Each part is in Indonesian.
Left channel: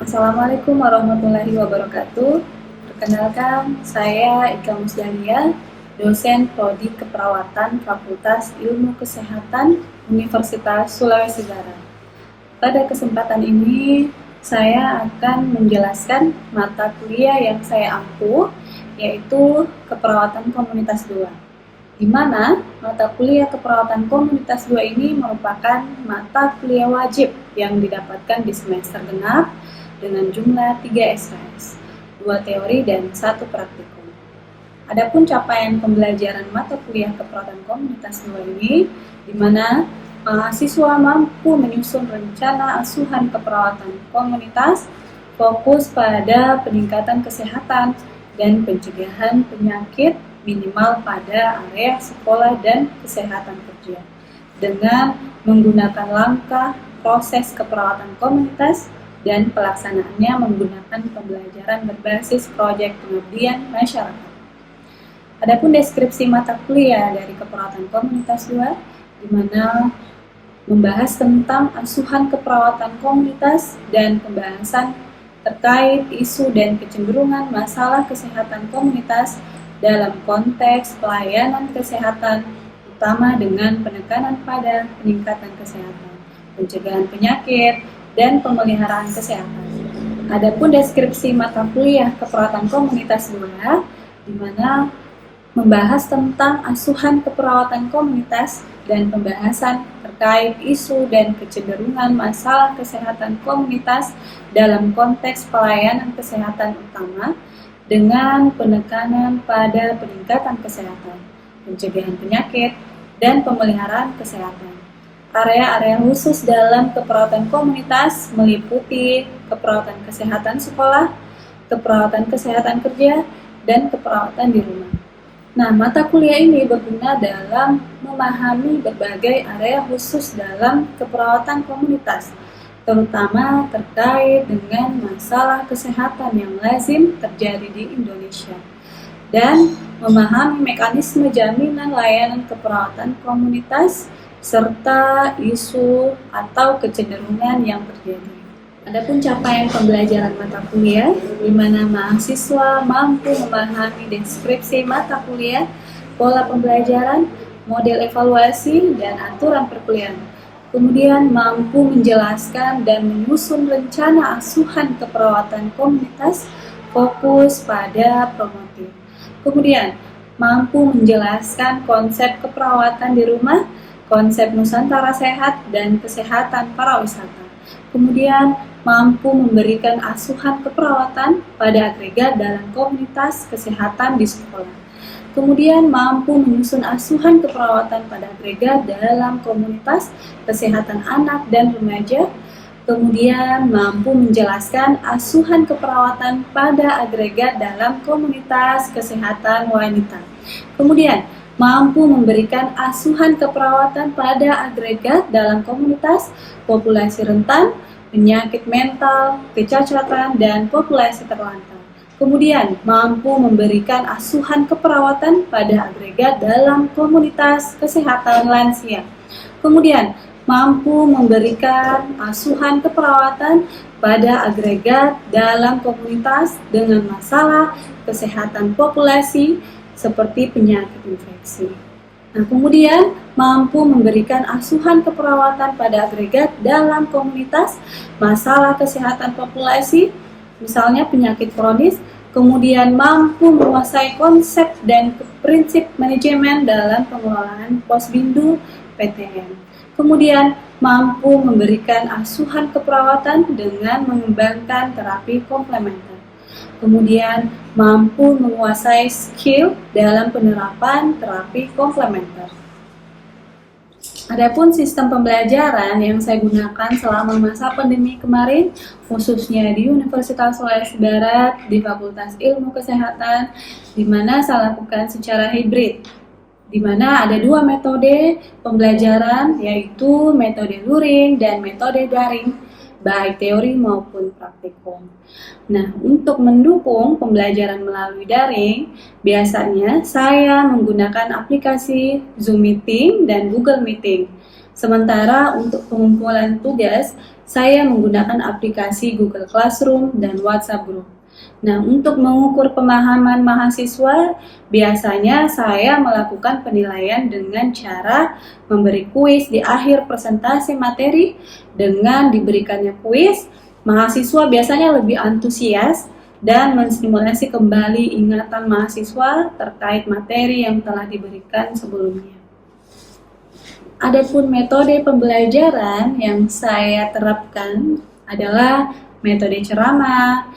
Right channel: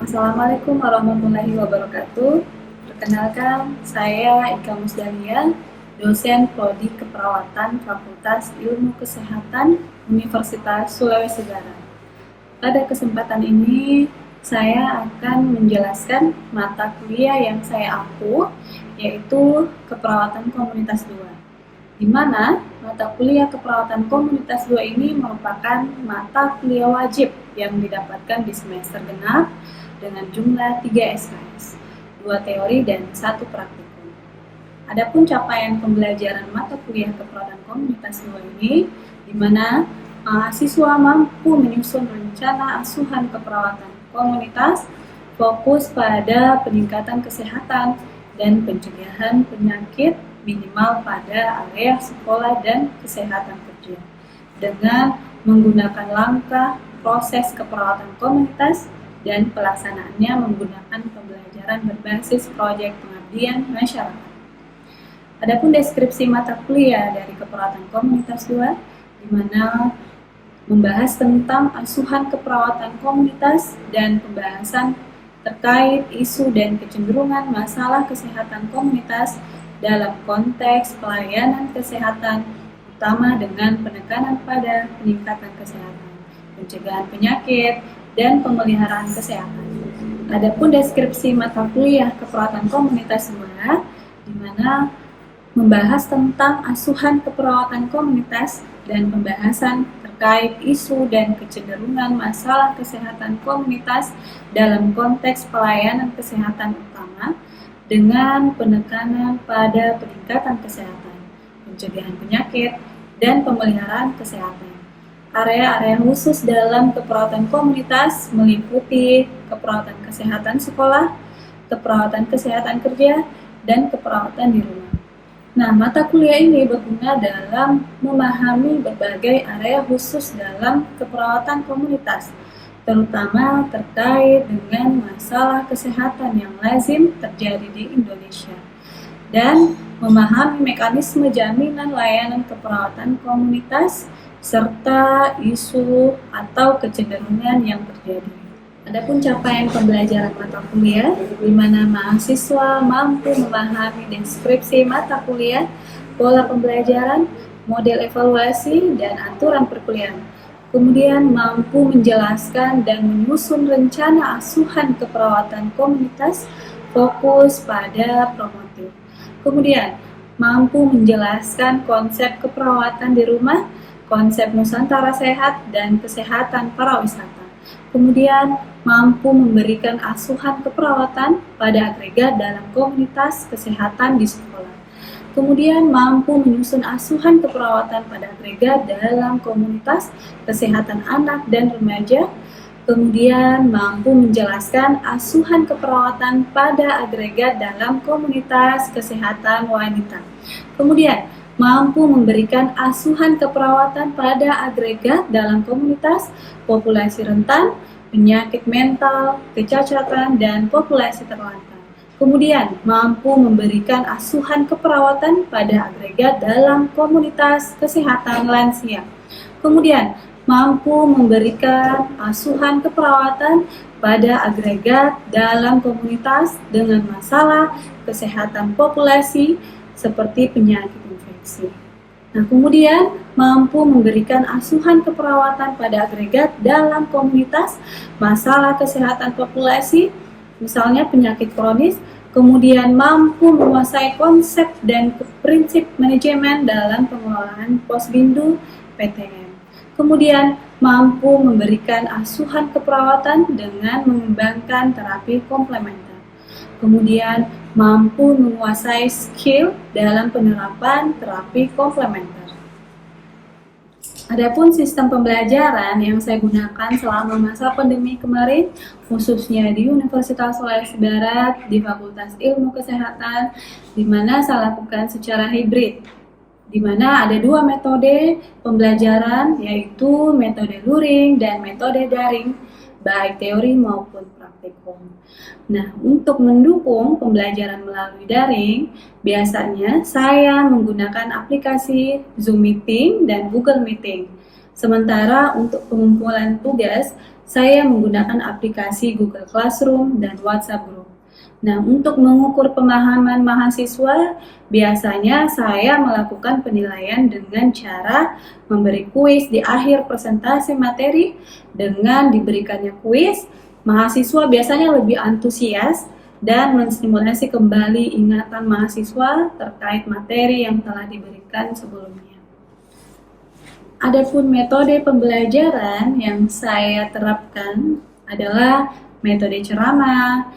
Assalamualaikum warahmatullahi wabarakatuh. Perkenalkan, saya Ika Musdania, dosen Prodi Keperawatan Fakultas Ilmu Kesehatan Universitas Sulawesi Barat. Pada kesempatan ini, saya akan menjelaskan mata kuliah yang saya ampu, yaitu Keperawatan Komunitas 2. Di mana mata kuliah Keperawatan Komunitas 2 ini merupakan mata kuliah wajib yang didapatkan di semester genap dengan jumlah 3 SKS, 2 teori dan 1 praktikum. Adapun capaian pembelajaran mata kuliah Keperawatan Komunitas 2 ini, di mana mahasiswa mampu menyusun rencana asuhan keperawatan komunitas, fokus pada peningkatan kesehatan dan pencegahan penyakit minimal pada area sekolah dan kesehatan kerja, dengan menggunakan langkah proses keperawatan komunitas dan pelaksanaannya menggunakan pembelajaran berbasis proyek pengabdian masyarakat. Adapun deskripsi mata kuliah dari Keperawatan Komunitas 2, di mana membahas tentang asuhan keperawatan komunitas dan pembahasan terkait isu dan kecenderungan masalah kesehatan komunitas dalam konteks pelayanan kesehatan, utama dengan penekanan pada peningkatan kesehatan, pencegahan penyakit, dan pemeliharaan kesehatan. Adapun deskripsi mata kuliah Keperawatan Komunitas 2, di mana membahas tentang asuhan keperawatan komunitas dan pembahasan terkait isu dan kecenderungan masalah kesehatan komunitas dalam konteks pelayanan kesehatan utama dengan penekanan pada peningkatan kesehatan, pencegahan penyakit, dan pemeliharaan kesehatan. Area-area khusus dalam keperawatan komunitas meliputi keperawatan kesehatan sekolah, keperawatan kesehatan kerja, dan keperawatan di rumah. Nah, mata kuliah ini berguna dalam memahami berbagai area khusus dalam keperawatan komunitas, terutama terkait dengan masalah kesehatan yang lazim terjadi di Indonesia, dan memahami mekanisme jaminan layanan keperawatan komunitas serta isu atau kecenderungan yang terjadi. Adapun capaian pembelajaran mata kuliah, di mana mahasiswa mampu memahami deskripsi mata kuliah, pola pembelajaran, model evaluasi, dan aturan perkuliahan. Kemudian mampu menjelaskan dan menyusun rencana asuhan keperawatan komunitas, fokus pada promotif. Kemudian mampu menjelaskan konsep keperawatan di rumah, konsep Nusantara Sehat, dan kesehatan pariwisata. Kemudian mampu memberikan asuhan keperawatan pada agregat dalam komunitas kesehatan di sekolah. Kemudian mampu menyusun asuhan keperawatan pada agregat dalam komunitas kesehatan anak dan remaja. Kemudian mampu menjelaskan asuhan keperawatan pada agregat dalam komunitas kesehatan wanita. Kemudian mampu memberikan asuhan keperawatan pada agregat dalam komunitas populasi rentan, penyakit mental, kecacatan, dan populasi terlantar. Kemudian, mampu memberikan asuhan keperawatan pada agregat dalam komunitas kesehatan lansia. Kemudian, mampu memberikan asuhan keperawatan pada agregat dalam komunitas dengan masalah kesehatan populasi seperti penyakit infeksi. Nah, kemudian mampu memberikan asuhan keperawatan pada agregat dalam komunitas masalah kesehatan populasi, misalnya penyakit kronis, kemudian mampu menguasai konsep dan prinsip manajemen dalam pengelolaan posbindu PTM. Kemudian mampu memberikan asuhan keperawatan dengan mengembangkan terapi komplementer. Kemudian mampu menguasai skill dalam penerapan terapi komplementer. Adapun sistem pembelajaran yang saya gunakan selama masa pandemi kemarin, khususnya di Universitas Sulawesi Barat, di Fakultas Ilmu Kesehatan, di mana saya lakukan secara hibrid, di mana ada 2 metode pembelajaran, yaitu metode luring dan metode daring, baik teori maupun praktikum. Nah, untuk mendukung pembelajaran melalui daring, biasanya saya menggunakan aplikasi Zoom Meeting dan Google Meeting. Sementara untuk pengumpulan tugas, saya menggunakan aplikasi Google Classroom dan WhatsApp Group. Nah, untuk mengukur pemahaman mahasiswa, biasanya saya melakukan penilaian dengan cara memberi kuis di akhir presentasi materi. Dengan diberikannya kuis, mahasiswa biasanya lebih antusias dan menstimulasi kembali ingatan mahasiswa terkait materi yang telah diberikan sebelumnya. Adapun metode pembelajaran yang saya terapkan adalah metode ceramah,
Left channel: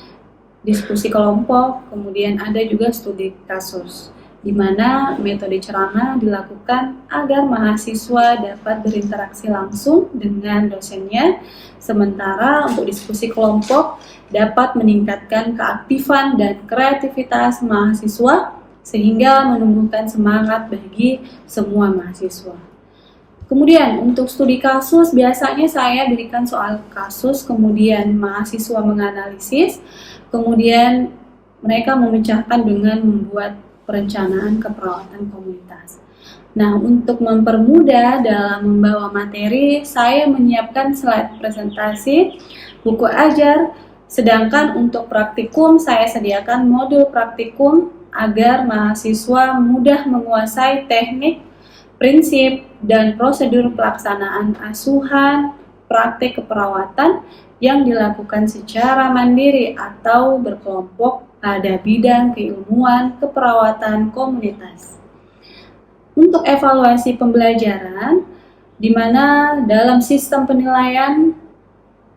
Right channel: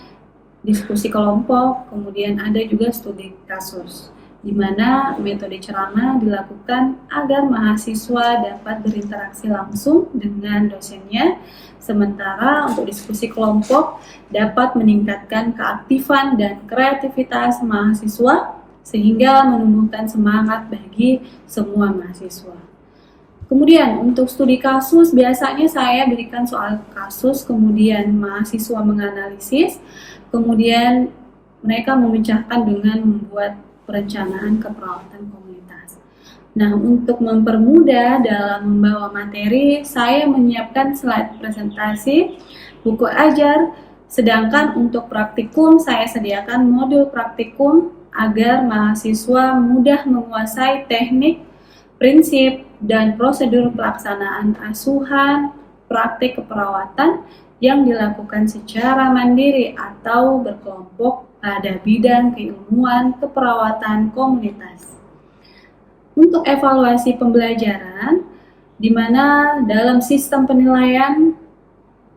diskusi kelompok, kemudian ada juga studi kasus, di mana metode ceramah dilakukan agar mahasiswa dapat berinteraksi langsung dengan dosennya, sementara untuk diskusi kelompok dapat meningkatkan keaktifan dan kreativitas mahasiswa sehingga menumbuhkan semangat bagi semua mahasiswa. Kemudian untuk studi kasus biasanya saya berikan soal kasus, kemudian mahasiswa menganalisis, kemudian mereka memecahkan dengan membuat perencanaan keperawatan komunitas. Nah, untuk mempermudah dalam membawa materi, saya menyiapkan slide presentasi, buku ajar, sedangkan untuk praktikum saya sediakan modul praktikum agar mahasiswa mudah menguasai teknik, prinsip, dan prosedur pelaksanaan asuhan praktik keperawatan yang dilakukan secara mandiri atau berkelompok pada bidang keilmuan keperawatan komunitas. Untuk evaluasi pembelajaran, di mana dalam sistem penilaian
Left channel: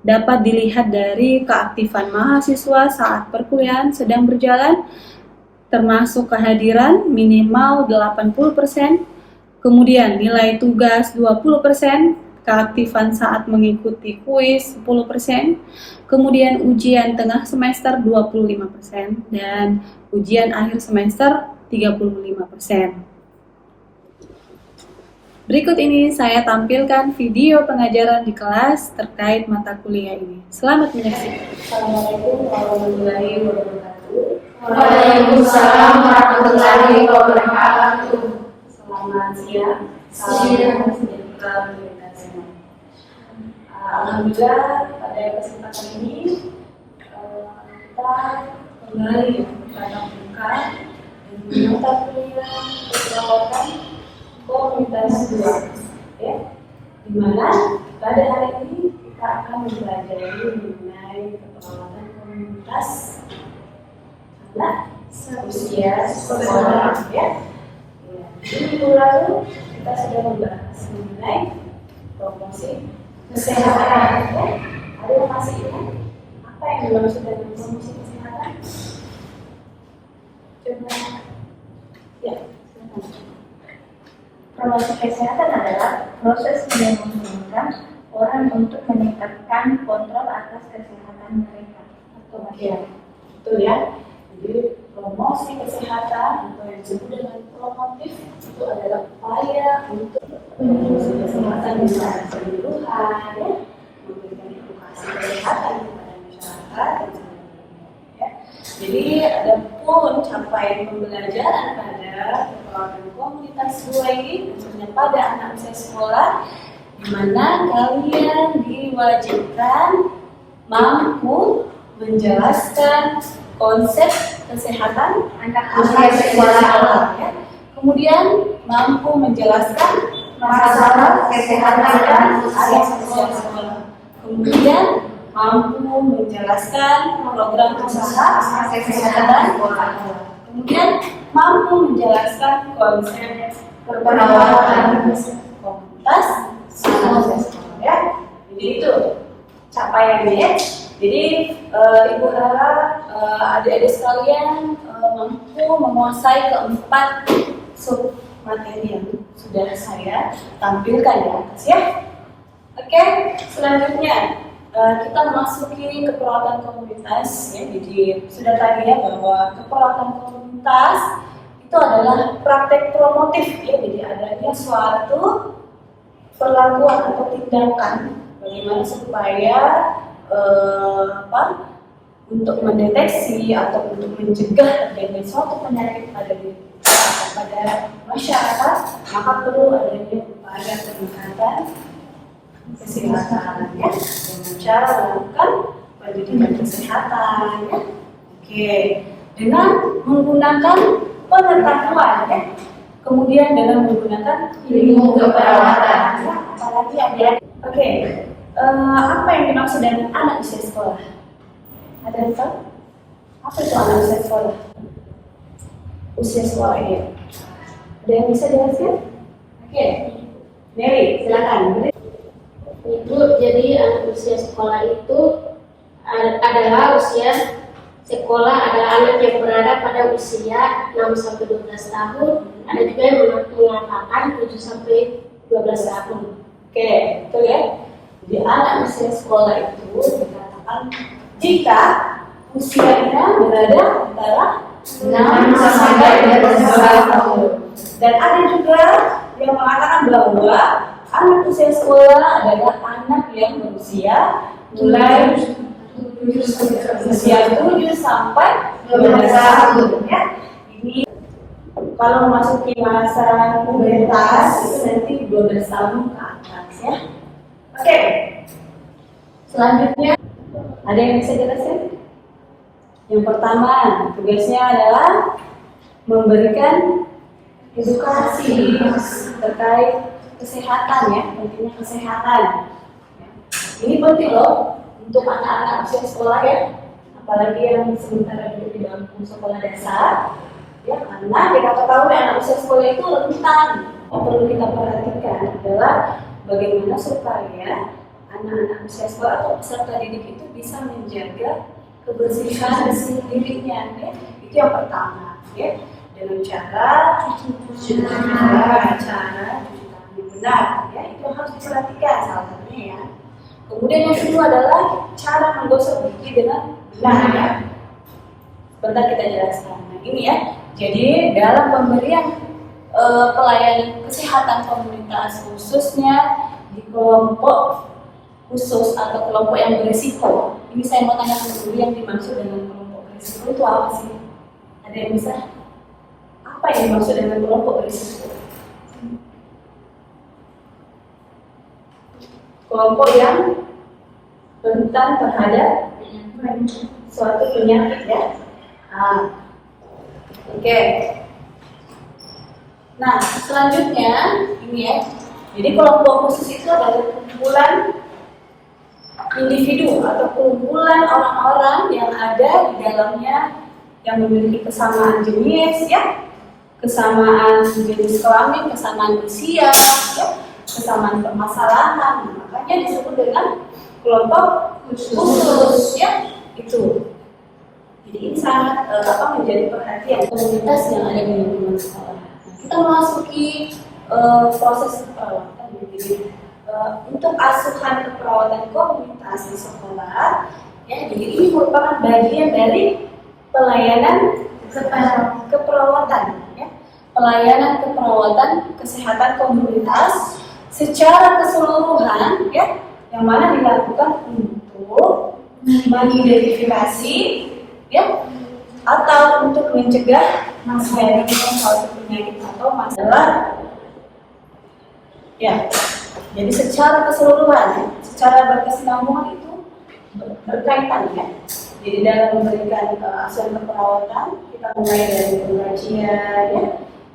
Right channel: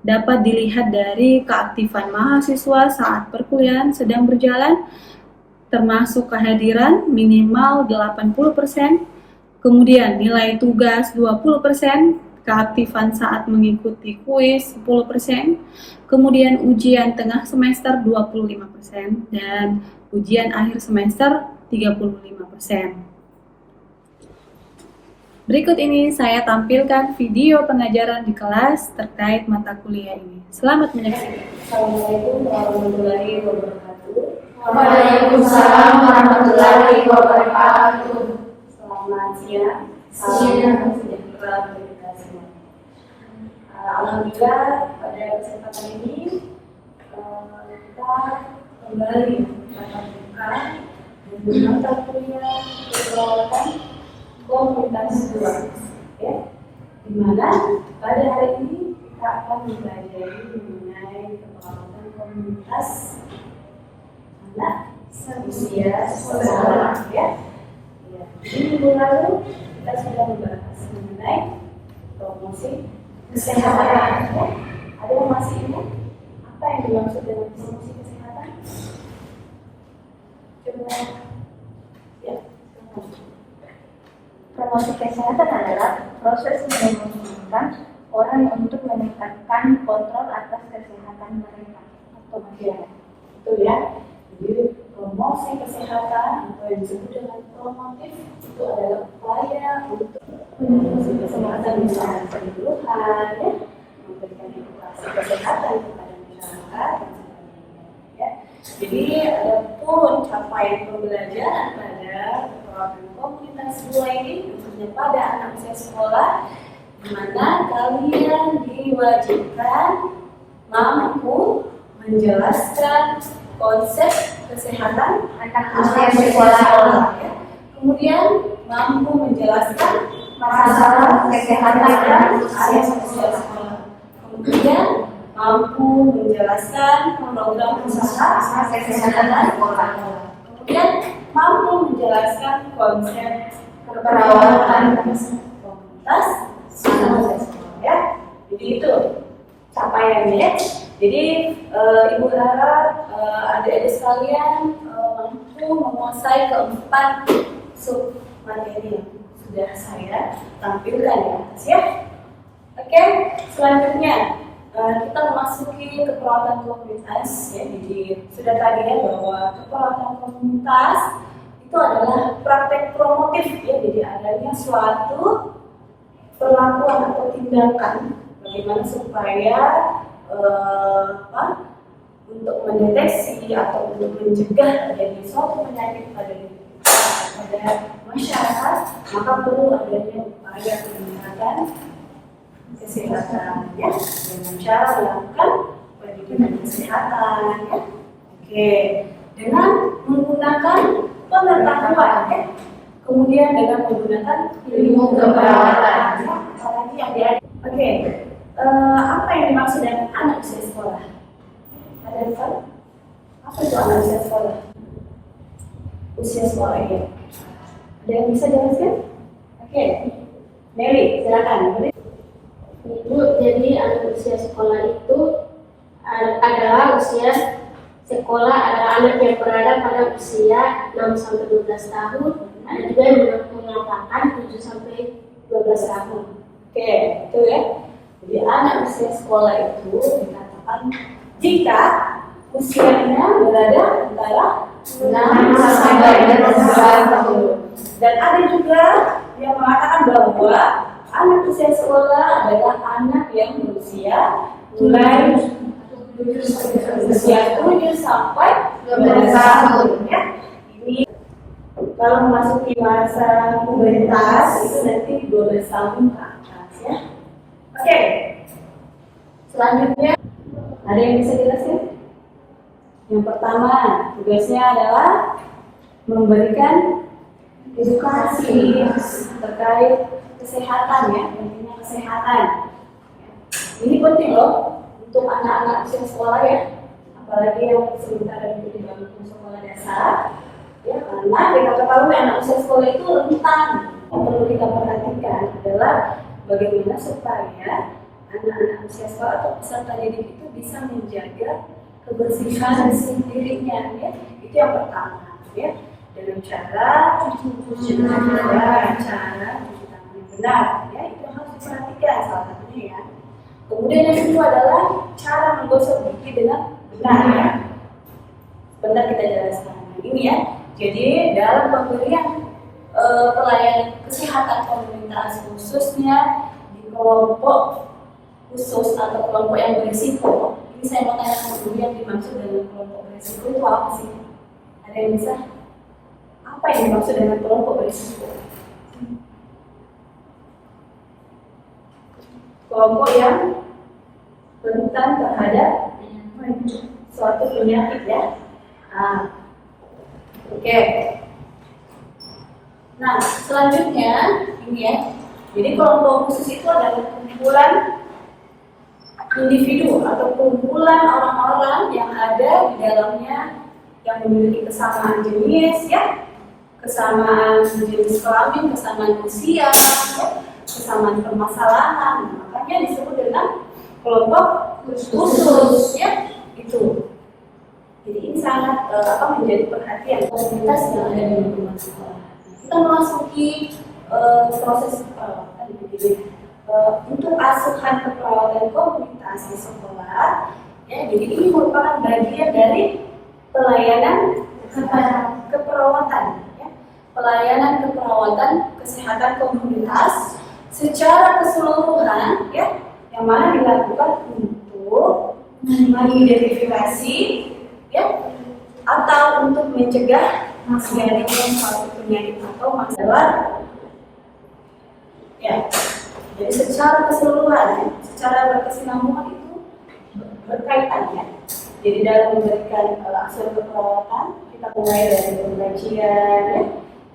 dapat dilihat dari keaktifan mahasiswa saat perkuliahan sedang berjalan, termasuk kehadiran minimal 80%, kemudian nilai tugas 20%, keaktifan saat mengikuti kuis 10%, kemudian ujian tengah semester 25%, dan ujian akhir semester 35%. Berikut ini saya tampilkan video pengajaran di kelas terkait mata kuliah ini. Selamat menyaksikan. Assalamualaikum warahmatullahi wabarakatuh. Waalaikumsalam warahmatullahi wabarakatuh. Selamat siang. Salam sejahtera bagi kita semua. Alhamdulillah pada kesempatan ini kita kembali pada buka mata kuliah keperawatan komunitas 2, ya, di mana pada hari ini kita akan mempelajari mengenai keperawatan komunitas anak seusia sekolah, ya. Di minggu lalu kita sudah membahas mengenai promosi kesehatan, ya. Ada yang masih ingat apa yang dimaksud dengan promosi kesehatan? Coba, ya, silakan. Promosi kesehatan adalah proses yang memungkinkan orang untuk meningkatkan kontrol atas kesehatan mereka atau masyarakat. Betul ya. Jadi promosi kesehatan atau yang disebut dengan promotif itu adalah upaya untuk menyusun kesehatan secara keseluruhan, ya, memberikan edukasi kesehatan kepada masyarakat dan sebagainya. Ya. Jadi adapun capaian pembelajaran pada keperawatan komunitas 2 ini tentunya pada anak usia sekolah, di mana kalian diwajibkan mampu menjelaskan konsep kesehatan anak usia sekolah, ya. Kemudian mampu menjelaskan masalah kesehatan anak usia sekolah. Kemudian mampu menjelaskan program usaha kesehatan sekolah. Kemudian mampu menjelaskan konsep keperawatan komunitas anak usia sekolah, ya. Jadi itu capaiannya, ya. Jadi Ibu harap adik-adik sekalian mampu menguasai keempat sub materi yang sudah saya tampilkan di atas, ya. Oke, selanjutnya kita memasuki keperawatan komunitas, ya. Jadi sudah tadi ya bahwa keperawatan komunitas itu adalah praktek promotif, ya. Jadi adanya suatu perlakuan atau tindakan bagaimana supaya untuk mendeteksi atau untuk mencegah terjadi suatu penyakit pada masyarakat, maka perlu adanya upaya peningkatan kesehatan ya, dengan cara melakukan pendidikan kesehatan ya. Oke, dengan menggunakan pengetahuan ya. Kemudian dengan menggunakan ilmu keperawatan ya. Apalagi adik-adik. Oke, apa yang dimaksud dengan anak usia sekolah? Ada yang tahu? Apa itu anak usia sekolah? Usia sekolah ya. Ada yang bisa jelaskan? Oke, Mary, silakan. Ibu, jadi anak usia sekolah itu adalah usia sekolah adalah anak yang berada pada usia 6 sampai 12 tahun. Ada juga yang mengatakan 7 sampai 12 tahun. Oke, betul ya. Jadi anak usia sekolah itu dikatakan jika usianya berada antara 6 sampai 12 tahun. Dan ada juga yang mengatakan bahwa anak usia sekolah adalah anak yang berusia mulai usia 7 sampai 12 tahun ya. Ini kalau memasuki masa pubertas nanti 12 tahun ke atas ya. Oke. Selanjutnya ada yang bisa jelaskan? Yang pertama, tugasnya adalah memberikan edukasi terkait kesehatan ya, pentingnya kesehatan. Ini penting loh untuk anak-anak usia sekolah ya, apalagi yang sementara duduk di bangku sekolah dasar ya, karena kita ketahui anak usia sekolah itu rentan. Yang perlu kita perhatikan adalah bagaimana supaya anak-anak usia sekolah atau peserta didik itu bisa menjaga kebersihan dirinya ya. Itu yang pertama ya, dengan cara cuci tangan yang benar ya, itu harus diperhatikan salah satunya ya. Kemudian yang kedua adalah cara menggosok gigi dengan benar ya. Bentar kita jelaskan. Nah, ini ya. Jadi dalam pemberian pelayanan kesehatan komunitas khususnya di kelompok khusus atau kelompok yang berisiko. Ini saya mau tanya dulu, yang dimaksud dengan kelompok berisiko itu apa sih? Ada yang bisa? Apa yang dimaksud dengan kelompok berisiko? Kelompok yang rentan terhadap suatu penyakit ya. Oke. Nah, selanjutnya ini ya. Jadi kelompok khusus itu adalah kumpulan individu atau kumpulan orang-orang yang ada di dalamnya yang memiliki kesamaan jenis ya, kesamaan jenis kelamin, kesamaan usia ya, kesamaan permasalahan. Makanya disebut dengan kelompok khusus ya, itu. Jadi ini sangat menjadi perhatian komunitas yang ada di lingkungan sekolah. Kita memasuki proses keperawatan. Jadi untuk asuhan keperawatan komunitas di sekolah, ya, jadi ini merupakan bagian dari pelayanan keperawatan, ya, pelayanan keperawatan kesehatan komunitas secara keseluruhan, ya, yang mana dilakukan untuk mengidentifikasi, ya, atau untuk mencegah terjadinya suatu penyakit atau masalah, ya. Jadi secara keseluruhan, ya, secara berkesinambungan itu berkaitan ya. Jadi dalam memberikan asuhan keperawatan, kita mulai dari pengkajian, ya.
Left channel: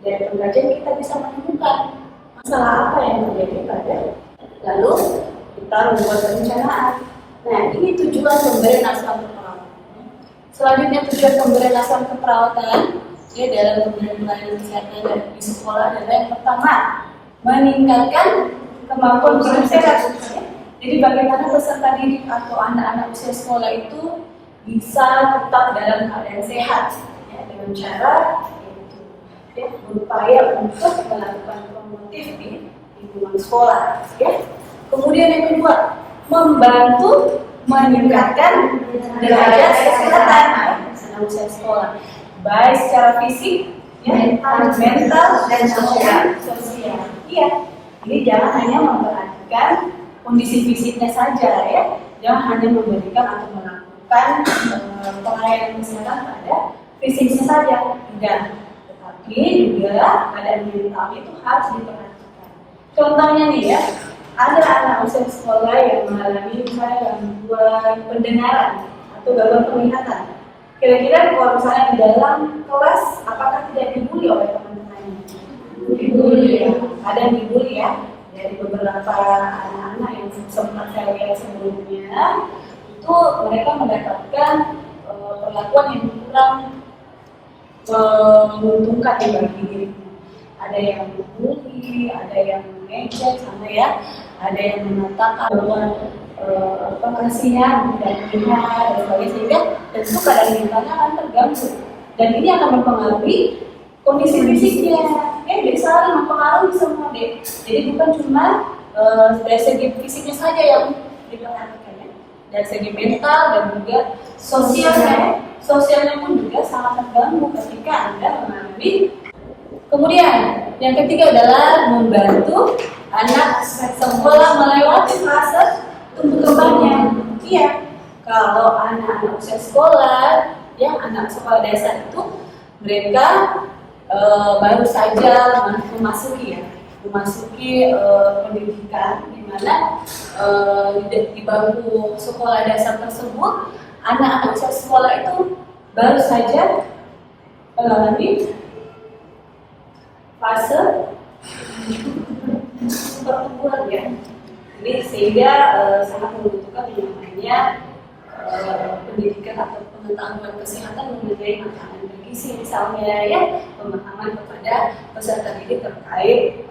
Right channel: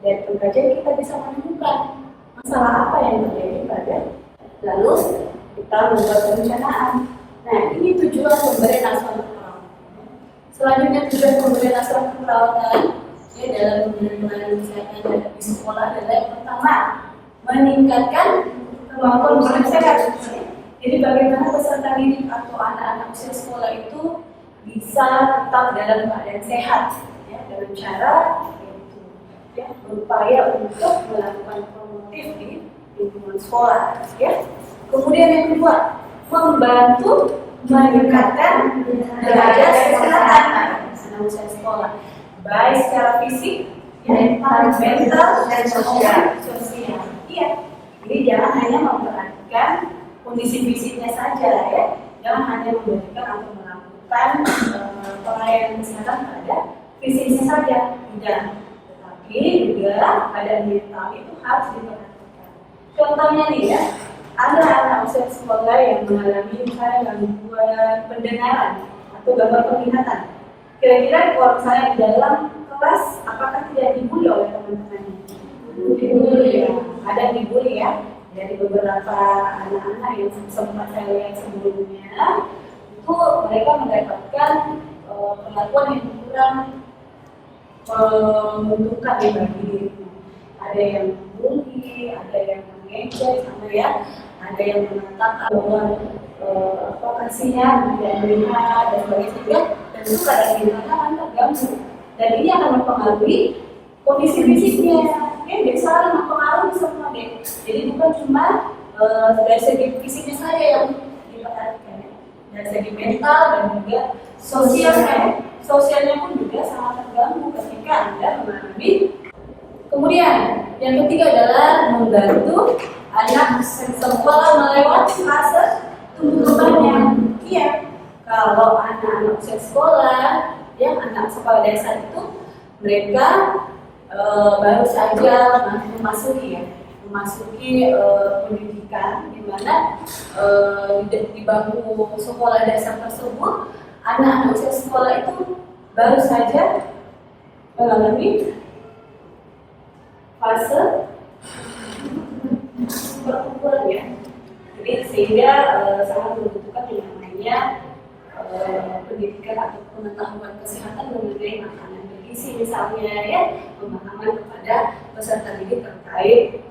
Dari pengkajian kita bisa menemukan masalah apa yang terjadi pada, lalu kita membuat perencanaan. Nah, ini tujuan pemberian asuhan keperawatan. Selanjutnya tujuan pemberian asuhan keperawatan ya dalam pemberian pelayanan kesehatan di sekolah adalah yang pertama, meningkatkan kemampuan bersehat. Ya. Jadi bagaimana peserta didik atau anak-anak usia sekolah itu bisa tetap dalam keadaan sehat ya, dengan cara yaitu ya, berupaya untuk melakukan promotif di lingkungan sekolah. Ya. Kemudian yang kedua, membantu meningkatkan derajat kesehatan anak usia sekolah, baik secara fisik, ya, mental dan sosial. Iya. Jadi jangan hanya memperhatikan kondisi fisiknya saja ya, jangan hanya memberikan atau melakukan pelayanan kesehatan pada fisiknya saja, tidak. Tetapi juga keadaan mental itu harus diperhatikan. Contohnya nih ya, ada anak usia usia sekolah yang mengalami misalnya gangguan pendengaran atau gangguan penglihatan. Kira-kira kalau misalnya di dalam kelas, apakah tidak dibully oleh teman-temannya? Dibully ya, ada yang dibully ya. Dari beberapa anak-anak yang sempat saya lihat sebelumnya, itu mereka mendapatkan perlakuan yang kurang menguntungkan bagi dirinya. Ada yang membuli, ada yang mengejek, sama ya, ada yang mengatakan bahwa kasihan tidak melihat dan sebagainya, sehingga tentu keadaan mentalnya akan terganggu dan ini akan mempengaruhi kondisi fisiknya. Jadi selalu mempengaruhi semua deh. Jadi bukan cuma dari segi fisiknya saja yang diperhatikan ya, dari segi mental dan juga sosialnya pun juga sangat terganggu ketika Anda mengalami. Kemudian yang ketiga adalah membantu anak sekolah melewati fase tumbuh kembangnya. Iya, kalau anak-anak usia sekolah, yang anak sekolah dasar itu mereka baru saja memasuki pendidikan, di mana di bangku sekolah dasar tersebut anak-anak usia sekolah itu baru saja mengalami fase pertumbuhan ya. Jadi sehingga sangat membutuhkan yang namanya pendidikan atau pengetahuan kesehatan mengenai makanan bergizi misalnya ya, pemahaman kepada peserta didik terkait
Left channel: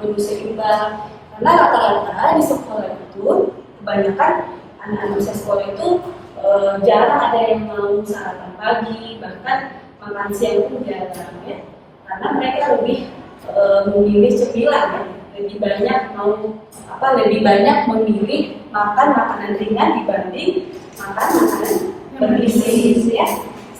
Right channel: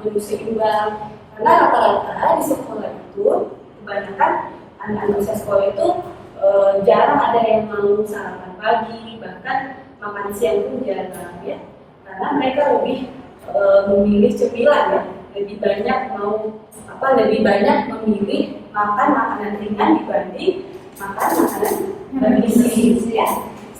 menu seimbang. Karena rata-rata di sekolah itu kebanyakan anak-anak usia sekolah itu jarang ada yang mau sarapan pagi, bahkan makan siang pun jarang ya. Karena mereka lebih memilih cemilan ya, lebih banyak memilih makan makanan ringan dibanding makan makanan bergizi ya.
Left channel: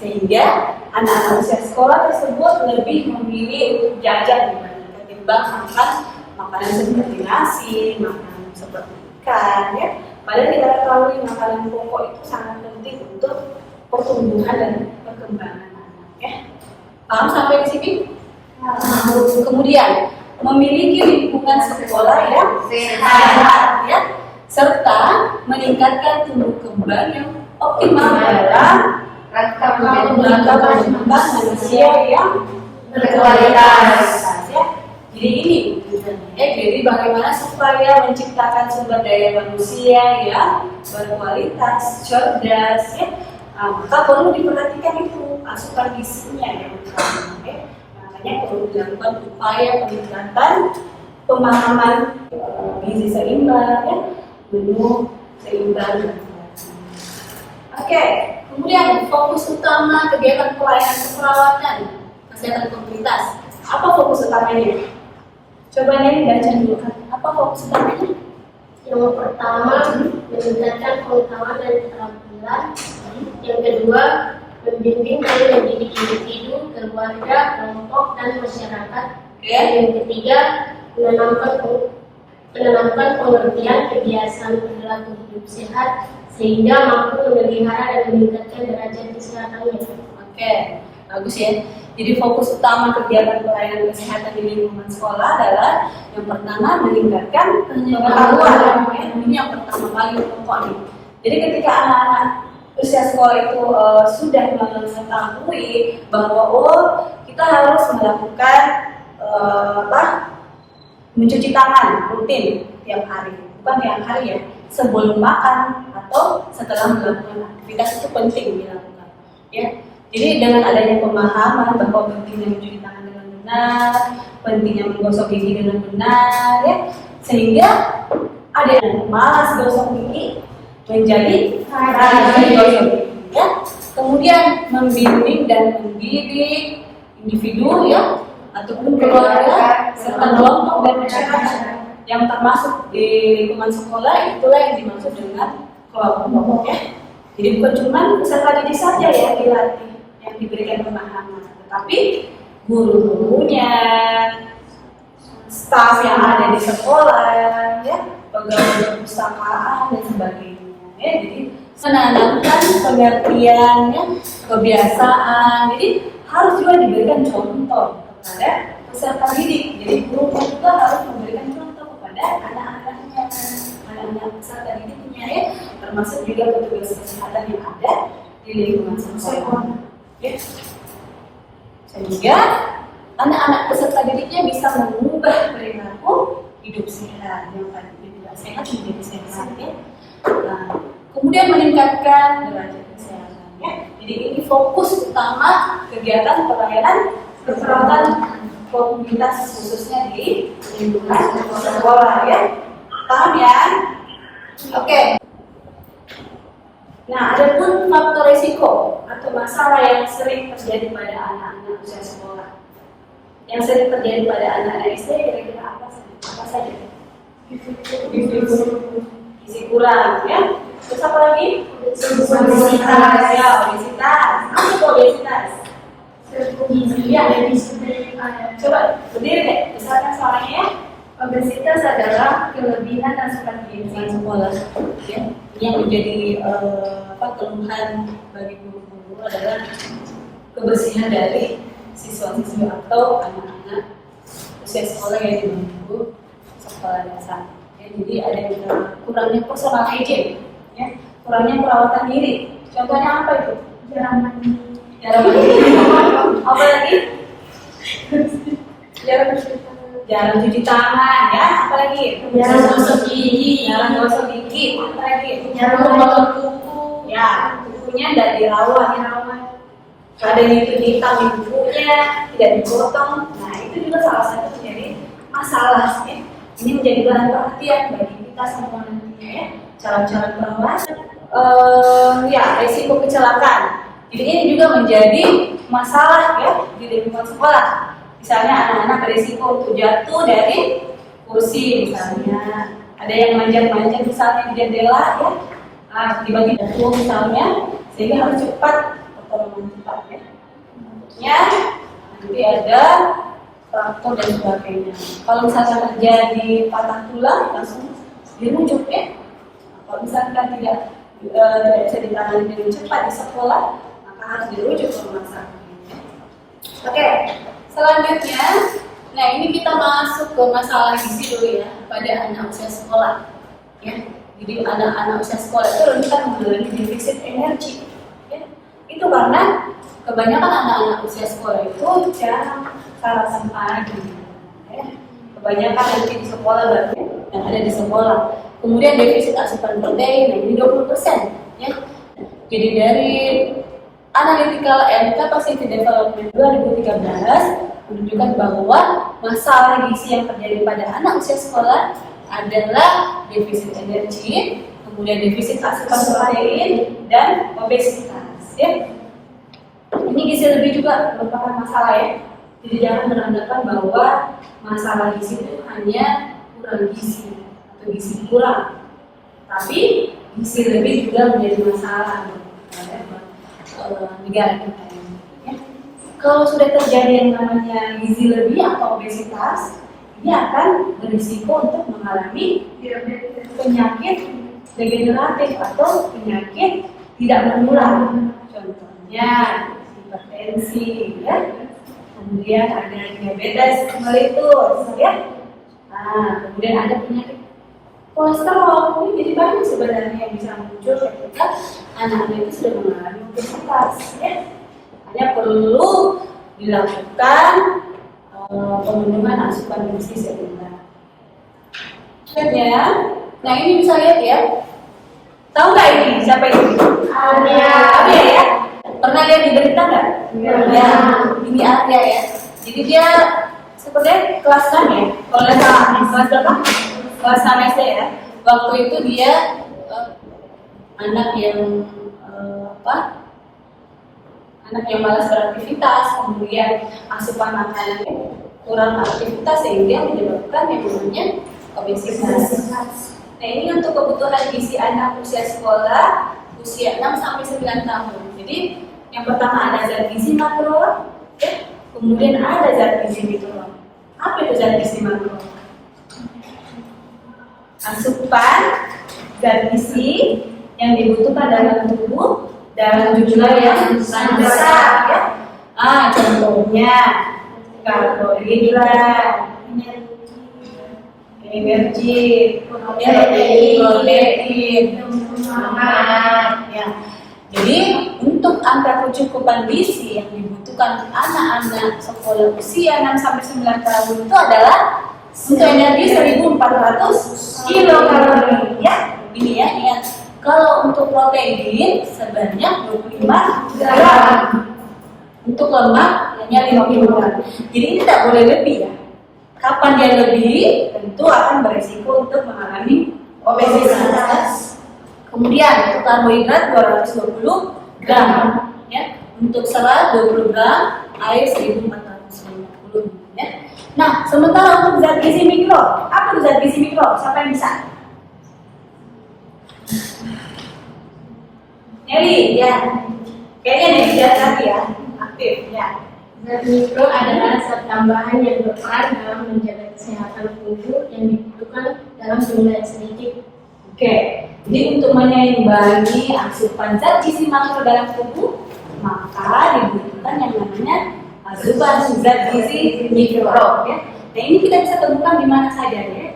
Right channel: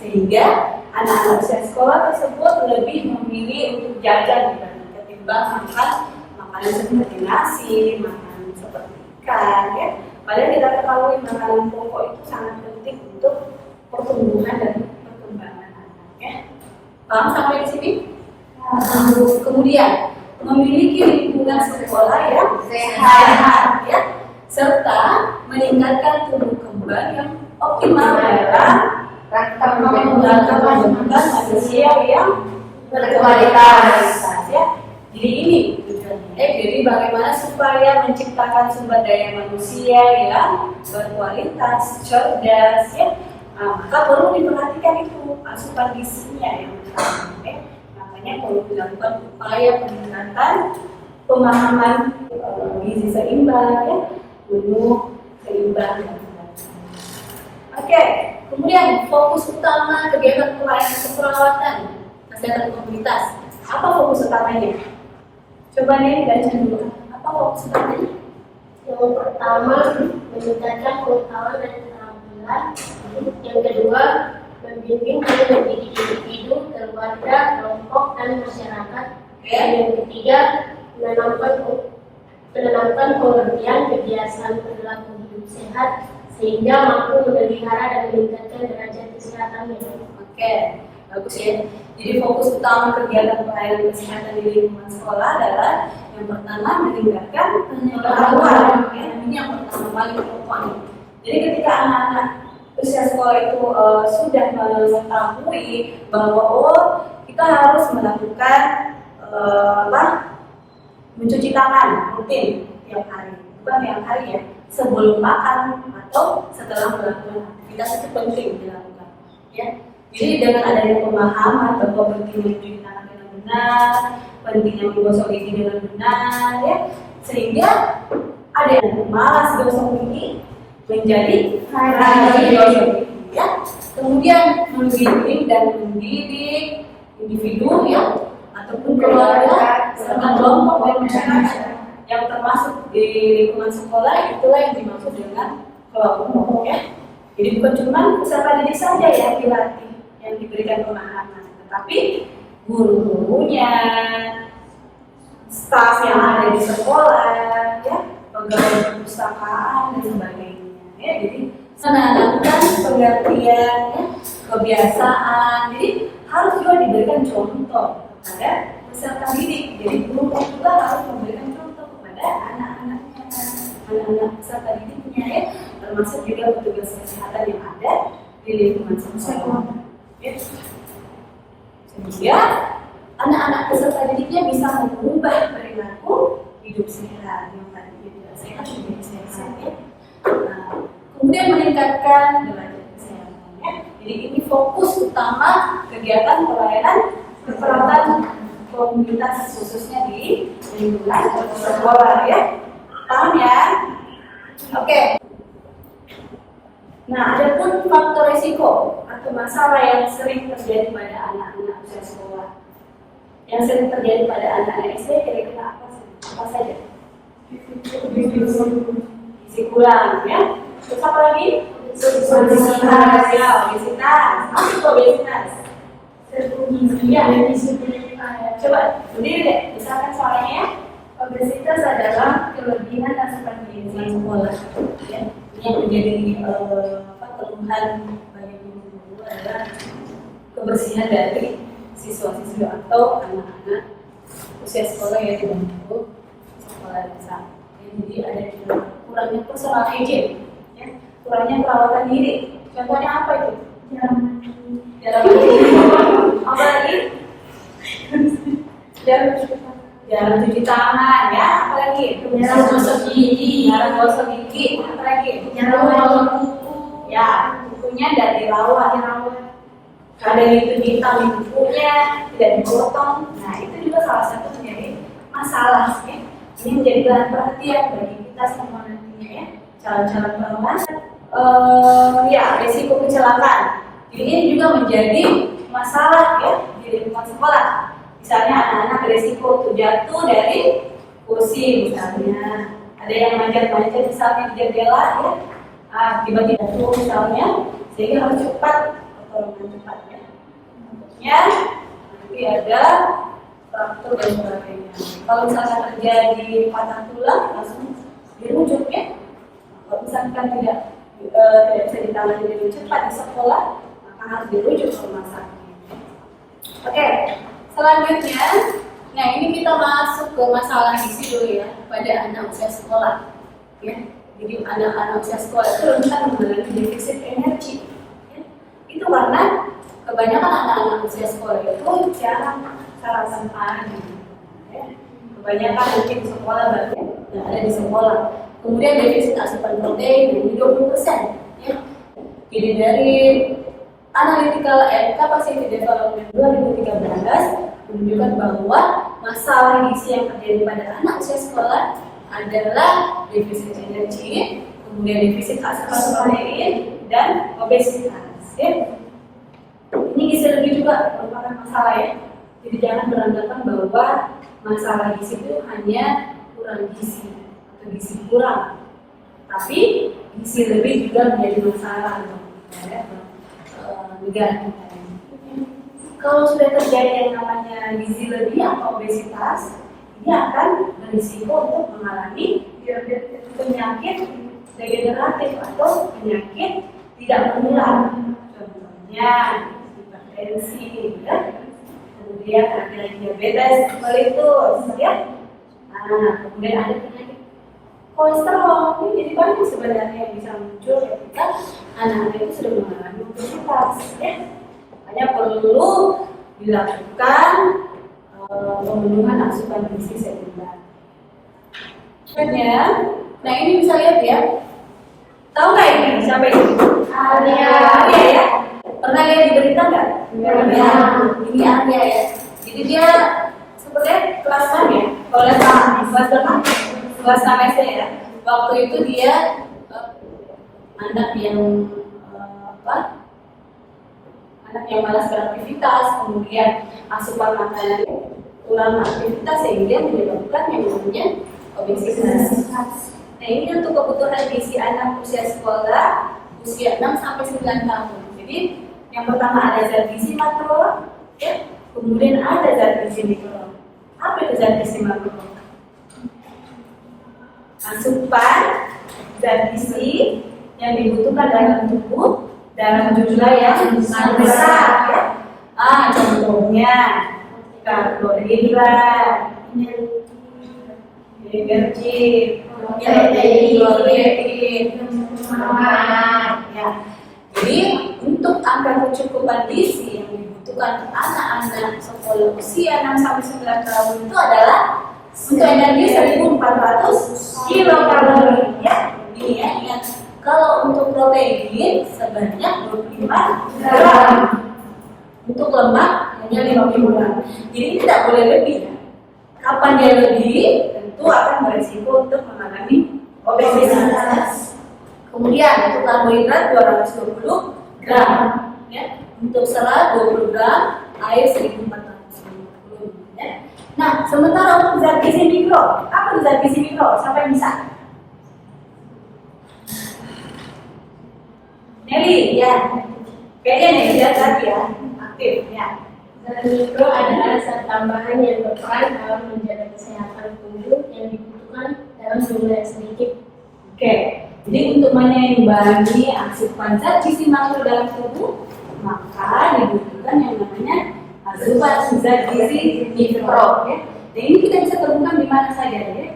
Sehingga anak-anak usia sekolah tersebut lebih memilih untuk jajan ketimbang makan makanan seperti nasi, makanan seperti ikan ya. Padahal kita ketahui makanan pokok itu sangat penting untuk pertumbuhan dan perkembangan anak ya. Paham sampai di sini? Kemudian memiliki lingkungan sekolah yang sehat ya, serta meningkatkan tumbuh kembang yang optimal dalam rangka mengembangkan manusia yang berkualitas ya. Jadi ini jadi bagaimana supaya menciptakan sumber daya manusia yang berkualitas, cerdas ya. Maka perlu diperhatikan itu asupan gizinya yang utama. Perlu dilakukan upaya peningkatan pemahaman gizi seimbang ya, menu seimbang. Oke, kemudian fokus utama kegiatan pelayanan keperawatan kesehatan komunitas. Apa fokus utamanya? Coba nih baca dulu kan. Apa fokus utamanya? Yang pertama, meningkatkan pengetahuan dan keterampilan. Yang kedua, membimbing dan mendidik individu, keluarga, kelompok, dan masyarakat. Yang ketiga, menanamkan pengertian kebiasaan perilaku hidup sehat sehingga mampu memelihara dan meningkatkan derajat kesehatannya. Oke, bagus ya. Jadi fokus utama kegiatan pelayanan kesehatan di lingkungan sekolah adalah yang pertama meningkatkan pengetahuan. Ini yang pertama paling pokok nih. Jadi ketika anak-anak usia sekolah itu sudah mengetahui bahwa kita harus melakukan mencuci tangan rutin tiap hari, bukan tiap hari ya, sebelum makan atau setelah melakukan aktivitas itu penting dilakukan ya. Jadi dengan adanya pemahaman bahwa pentingnya mencuci tangan dengan benar, pentingnya menggosok gigi dengan benar ya, sehingga ada yang malas gosok gigi menjadi rajin gosok gigi ya. Kemudian membimbing dan mendidik individu ya ataupun keluarga serta kelompok dan masyarakat yang termasuk di lingkungan sekolah, itulah yang dimaksud dengan kelompok ya. Jadi bukan cuma peserta didik saja yang dilatih, yang diberikan pemahaman, tetapi guru-gurunya, staf yang ada di sekolah ya, pegawai perpustakaan dan sebagainya ya. Jadi menanamkan pengertian ya, kebiasaan. Jadi harus juga diberikan contoh kepada peserta didik. Jadi guru juga harus memberikan contoh kepada anak-anaknya. anak-anak peserta didiknya ya, termasuk juga petugas kesehatan yang ada di lingkungan sekolah. Ya. Sehingga anak-anak peserta didiknya bisa mengubah perilaku hidup sehat yang tadinya tidak sehat menjadi sehat ya. Nah, kemudian meningkatkan derajat kesehatannya. Jadi ini fokus utama kegiatan pelayanan keperawatan komunitas khususnya di lingkungan sekolah ya. Paham ya? Oke. Nah, ada pun faktor risiko atau masalah yang sering terjadi pada anak-anak usia sekolah. Yang sering terjadi pada anak-anak SD kira-kira apa saja? Gizi kurang, ya. Terus apa lagi? Obesitas. Ya, obesitas. Apa itu obesitas? Ya, coba berdiri deh, besarkan suaranya. Obesitas adalah kelebihan asupan gizi Sekolah, ya. Yang menjadi keluhan bagi guru-guru adalah kebersihan dari siswa-siswi atau anak-anak usia sekolah yang di bawah sekolah dasar. Ya, jadi ada kurangnya personal hygiene, ya, kurangnya perawatan diri. Contohnya apa itu? Jarang mandi. Apa lagi? Jarang cuci tangan, ya. Apa lagi? Jarang gosok gigi. Jarang gosok gigi. Apa lagi? Jarang potong kuku. Ya, kukunya tidak dirawat. Ada itu hitam di kukunya, tidak dipotong. Nah, itu juga salah satu menjadi masalah. Ya. Ini menjadi bahan perhatian bagi kita semua nantinya ya. Cara-cara perawatan, ya risiko kecelakaan. Jadi ini juga menjadi masalah ya di lingkungan sekolah. Misalnya anak-anak berisiko untuk jatuh dari kursi misalnya. Ada yang manjat-manjat misalnya di jendela ya. Tiba-tiba jatuh misalnya, sehingga harus cepat pertolongan cepat ya. Tentunya nanti ada fraktur dan sebagainya. Kalau misalkan terjadi patah tulang langsung dirujuk ya. Kalau misalkan tidak bisa ditangani dengan cepat di sekolah, maka harus dirujuk ke rumah sakit. Oke, selanjutnya, nah ini kita masuk ke masalah gizi dulu ya pada anak usia sekolah. Ya, jadi anak-anak usia sekolah itu rentan mengalami defisit energi. Ya. Itu karena kebanyakan anak-anak usia sekolah itu jarang sarapan pagi. Ya. Kebanyakan nanti di sekolah baru yang ada di sekolah. Kemudian defisit asupan protein ini 20%. Ya. Jadi dari Analytical and Capacity Development 2013 menunjukkan bahwa masalah gizi yang terjadi pada anak usia sekolah adalah defisit energi, kemudian defisit asupan protein dan obesitas. Ya. Ini gizi lebih juga merupakan masalah ya. Jadi jangan beranggapan bahwa masalah gizi itu hanya kurang gizi atau gizi kurang, tapi gizi lebih juga menjadi masalah ya, negara kita ya. Kalau sudah terjadi yang namanya gizi lebih atau obesitas, ini akan berisiko untuk mengalami penyakit degeneratif atau penyakit tidak menular. Contohnya hipertensi, ya. Kemudian ada diabetes mellitus, ya. Nah, kemudian ada penyakit kolesterol. Ini jadi banyak sebenarnya yang bisa muncul ketika anak-anak itu sudah mengalami obesitas. Ya. Hanya perlu dilakukan pemenuhan asupan gizi seimbang. Nah ini bisa lihat ya. Tahu nggak ini siapa ini? Arya ya. Pernah lihat di berita nggak? Ya. Ini Arya ya. Jadi dia sepertinya kelas 6 ya. Kelas berapa? Kelas 6 SD ya. Waktu itu dia anak yang anak yang malas beraktivitas, kemudian asupan makanan kurang aktivitas sehingga menyebabkan yang namanya obesitas. Nah ini untuk kebutuhan gizi anak usia sekolah usia 6 sampai 9 tahun. Jadi yang pertama ada zat gizi makro, ya. Kemudian ada zat gizi mikro. Apa itu zat gizi makro? Asupan zat gizi yang dibutuhkan dalam tubuh dalam jumlah yang besar ya. Contohnya karbohidrat, energi, kemudian protein, protein, semangat, ya. Jadi untuk angka kecukupan gizi yang dibutuhkan untuk anak-anak sekolah usia 6 sampai 9 tahun itu adalah untuk energi 1.400 kilokalori, ya. Ini ya, ingat. Kalau untuk protein sebanyak 25 gram. Untuk lemak hanya 50 gram. Jadi tidak boleh lebih ya. Kapan dia lebih, tentu akan berisiko untuk mengalami obesitas. Kemudian untuk karbohidrat 220 gram, ya. Untuk serat 20 gram, air 1.450, ya. Nah, sementara untuk zat gizi mikro, apa itu zat gizi mikro? Siapa yang bisa? Nelly, ya. Kayaknya Nelly tadi ya, aktif, ya. Zat mikro adalah zat tambahan yang berperan dalam menjaga kesehatan tubuh yang dibutuhkan dalam jumlah yang sedikit. Oke, jadi untuk menyeimbangi asupan zat gizi makro dalam tubuh, maka dibutuhkan yang namanya asupan zat gizi mikro, ya. Dan ini kita bisa temukan di mana saja, ya.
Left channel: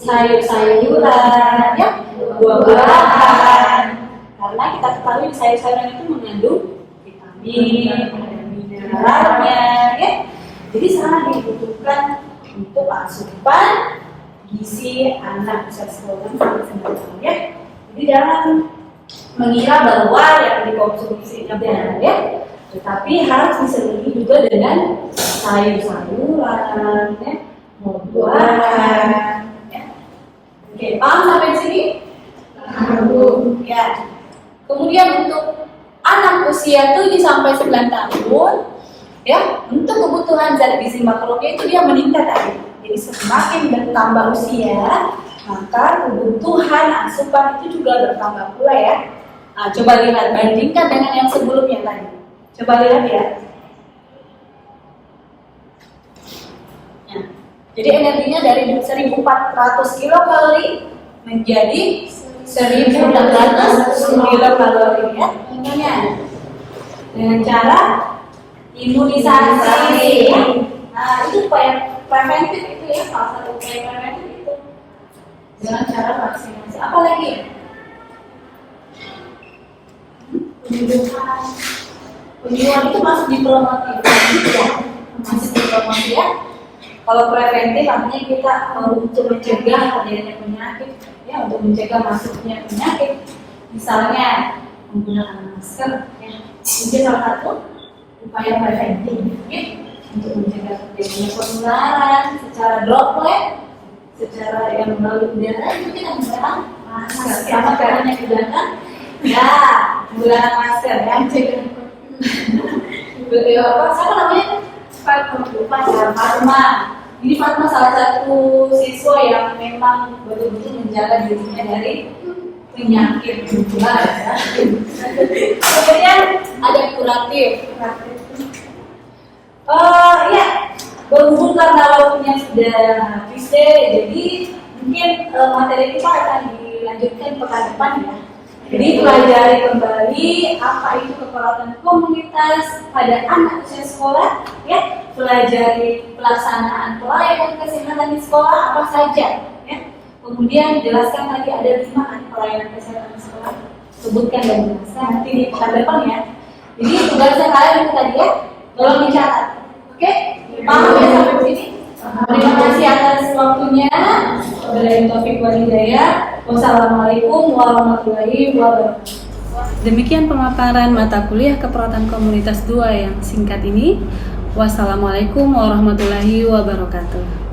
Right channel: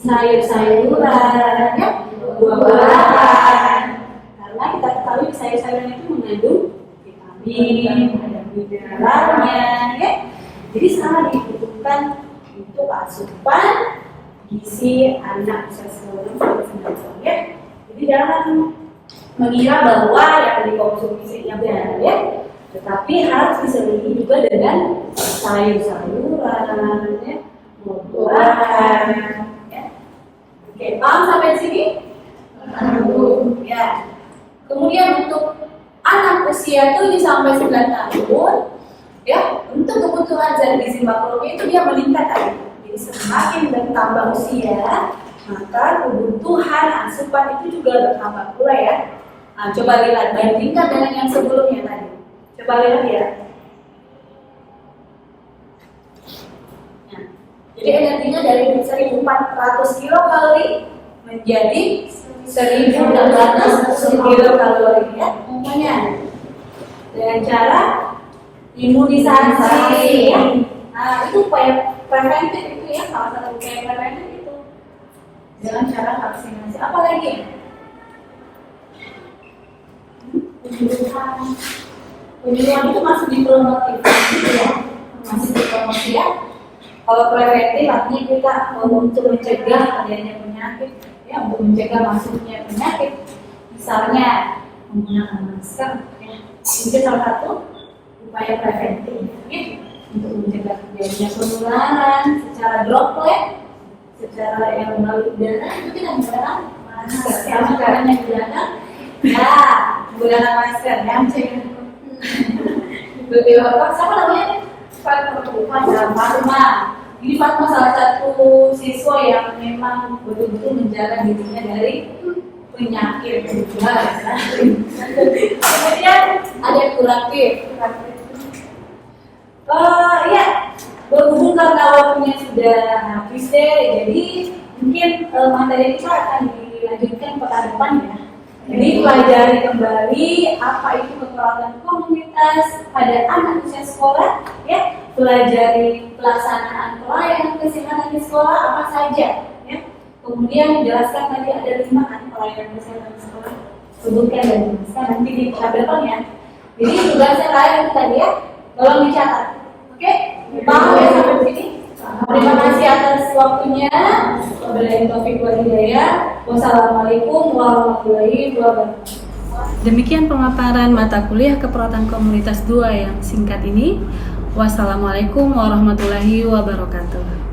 Sayur-sayuran, ya, buah-buahan. Karena kita ketahui sayur-sayuran itu mengandung vitamin, ada mineralnya, ya. Jadi sangat dibutuhkan untuk asupan gizi anak usia sekolah ya. Jadi jangan mengira bahwa yang dikonsumsi benar ya, tetapi harus diselingi juga dengan sayur-sayuran, ya, buah-buahan. Ya. Oke, paham sampai sini? Ya. Kemudian untuk anak usia 7 sampai 9 tahun, ya, untuk kebutuhan zat gizi makronya itu dia meningkat aja. Jadi semakin bertambah usia, maka kebutuhan asupan itu juga bertambah pula ya. Nah, coba lihat, bandingkan dengan yang sebelumnya tadi. Coba lihat ya. Nah, jadi energinya dari 1.400 kilokalori menjadi 1.600 kilokalori ya. Ingatnya dengan cara imunisasi. Ya. Nah, itu upaya preventif itu ya, salah satu upaya preventif itu dengan cara vaksinasi. Apa lagi? Penyuluhan itu masuk di promotif ya, masuk di promotif ya. Kalau preventif artinya kita untuk mencegah terjadinya penyakit, ya, untuk mencegah masuknya penyakit, misalnya menggunakan masker, ya. Itu salah satu upaya preventif, ya, untuk mencegah terjadinya penularan secara droplet, secara yang melalui udara itu kita menggunakan masker. Sama caranya digunakan, ya, menggunakan masker, yang mencegah. Betul apa? Siapa namanya? Fatma. Ini Fatma salah satu siswa yang memang betul-betul menjaga dirinya dari penyakit menular. Ya. Kemudian ada kuratif. Iya, berhubung karena waktunya sudah habis deh, jadi mungkin materi kita akan dilanjutkan pekan depan ya. Jadi pelajari kembali apa itu kekuatan komunitas pada anak usia sekolah, ya. Pelajari pelaksanaan pelayanan kesehatan di sekolah apa saja, ya. Kemudian jelaskan tadi ada 5 pelayanan kesehatan di sekolah. Sebutkan dan jelaskan nanti di pekan depan ya. Jadi tugasnya kalian itu tadi ya, tolong dicatat. Oke? Paham ya sampai sini? Terima kasih atas waktunya. Wabillahi taufiq wal hidayah. Wassalamualaikum warahmatullahi wabarakatuh. Demikian pemaparan mata kuliah keperawatan komunitas 2 yang singkat ini. Wassalamualaikum warahmatullahi wabarakatuh.